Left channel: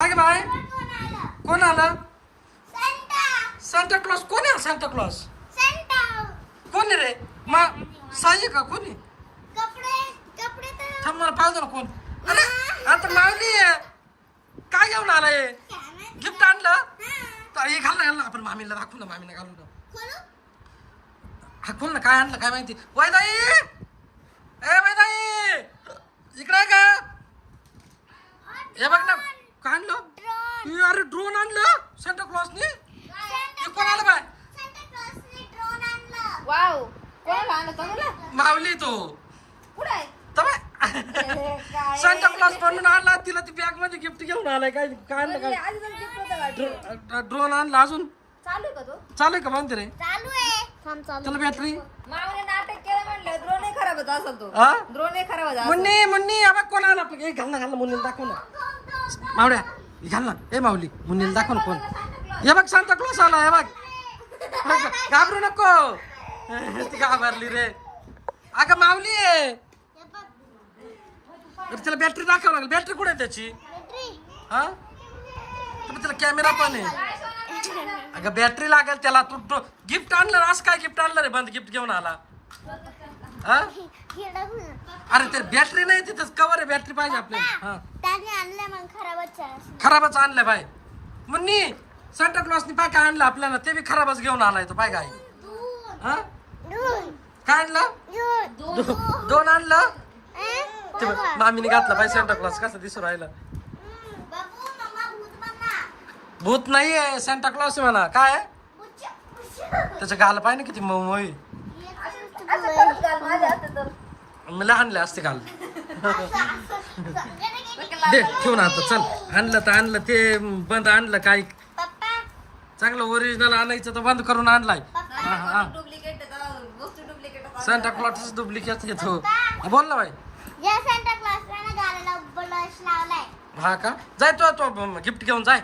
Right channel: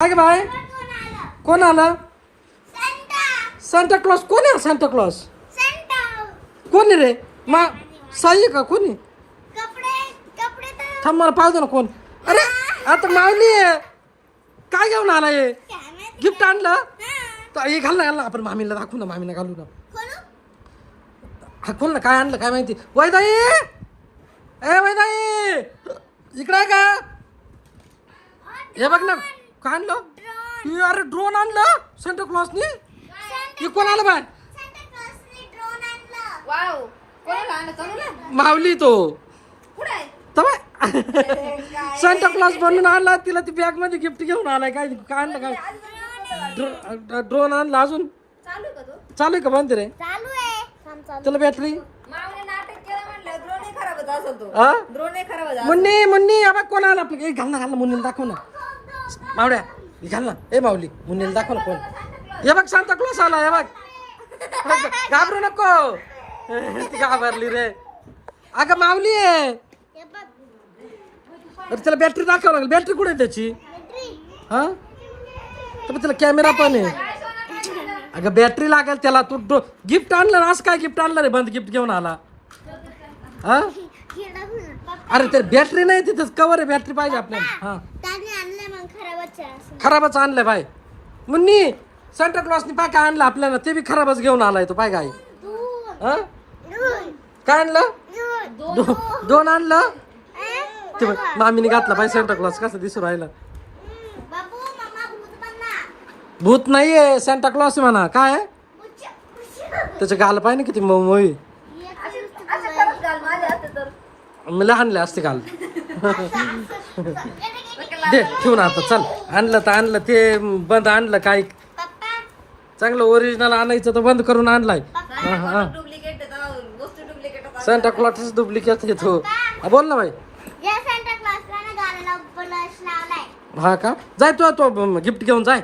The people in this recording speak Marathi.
काय बाय कोण आलं? सांता क्लॉज कोण आहे? सांता क्लॉज कोण आहे रे? साई आहे का कोणी? थांब मला पाहू दे ना कोण. अरे आता मावली आहे. काय घेऊन आलाय? गिफ्ट आणलं तर हे घाल ना याला. आपण मामीला दाखवू ना, मामीला घालू ना. हा खोल ना. काय आणलं काय माहिती. वैदाई ए वैदाई इकडे आहे का? हे बघ ना काय आणलं. अरे ड्रोन आणलं सांता क्लॉजनी. हे कोण आलं बाय? मावली तो सांता क्लॉज बनून आणला. तिला ती बॅग मध्ये गिफ्ट घेऊन आलाय. काय काय आणलं काय? ड्रोन आणला. अजून चालू आहे का बंद रे? तुला बॅटरी मुन्नी मुन्नी अबा कोण आला? घाल ना घाल ना मुन्नीला दाखव ना. मावड्या घाल ना. ए माऊली मुन्नीला दाखव ना कोण. हे बघ सांता क्लॉज आला. हे बघ घाबरू नको. ती घाबरली रे. अगं माऊली आहे. अरे त्याला बॅटरी दाखवावं लागेल. बॅटरी कुठे आहे त्याची? हा तर त्याला कॅमेरा पण आहे. अगं बॅटरी लागेल त्याला. तू गिफ्ट आणलं ना. असं काय गिफ्ट आणलं रे? बंद गिफ्ट घेऊन आला. हा अरे ते बॅटरी नाही तिथंच कवर आहे. बॅटरी पाहिजे आपल्याला. हा खराबच आणलंय बाय. मुन्नी सांता क्लॉजनी पाय काय आणलं आपल्याला. ते बी खराबच घेऊन आलाय तो. पाय काय काय आणलं? दोन आणलं. ते मामीने घातला पाय सांता क्लॉज. कसं दिसू राहिला. भूत नाहीये सांता क्लॉज म्हणा. काय त्याचं गाल पाय ना किती मोई. मला आणले असते काल. दे ठेवून आता चल. आणलं तर आणलं. ते बंद आणलं काय चांगलं ओरिजिनल आणायचं तर बंद करून आणलाय. सांता क्लॉज डुप्लिकेट येतो. बोल ना बाई. हा का? जाय तो गिफ्ट घेऊन जाय.